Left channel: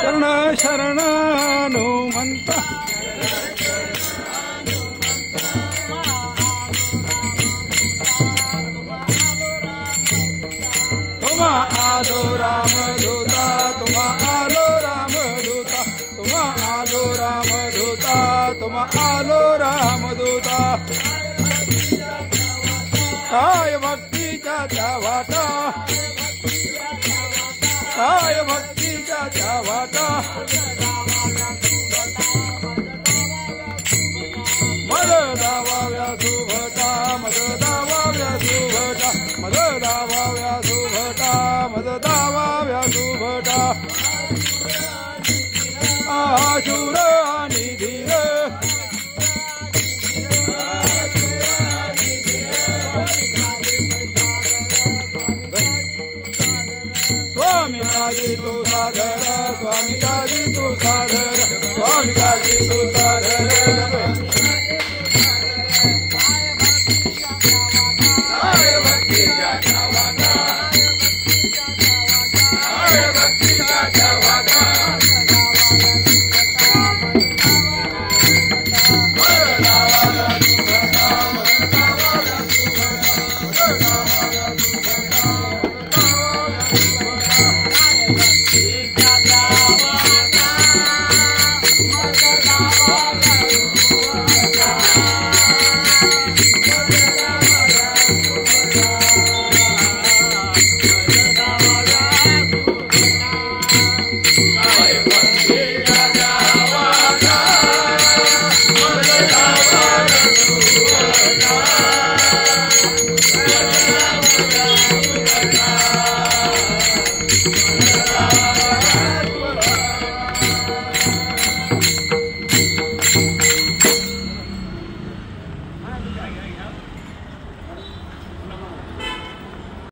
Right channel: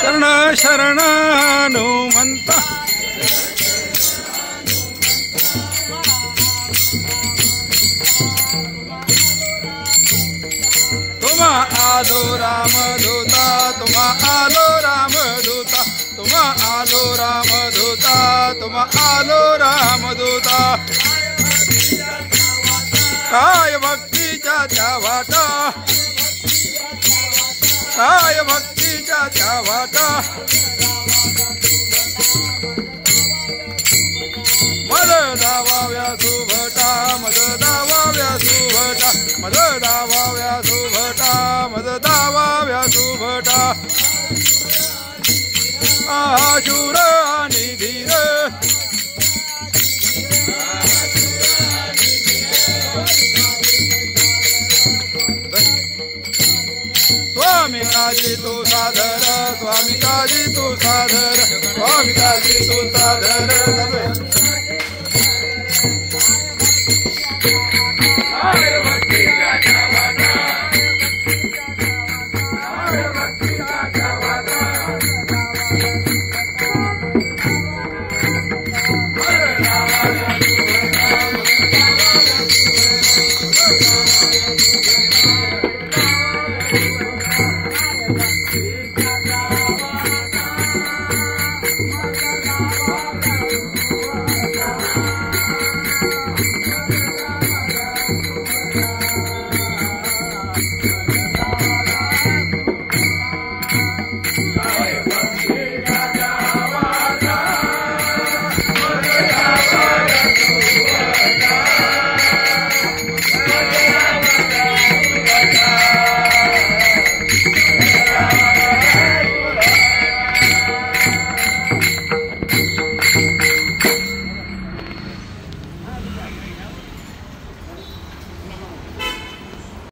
शरण शरण हनुमंता तुम्हा आलो रामदूता तुम्हा आलो रामदूता तुम्हा आलो रामदूता तुम्हा आलो रामदूता काय भक्तीच्या त्या वाटा काय भक्तीच्या त्या वाटा मद दावाव्या सुभटा मद दावाव्या सुभटा मद दावाव्या सुभटा मद दावाव्या सुभटा आशूर आणि धीर स्वामी काजी तू साधर स्वामी काजी तू साधर स्वामी काजी तू साधर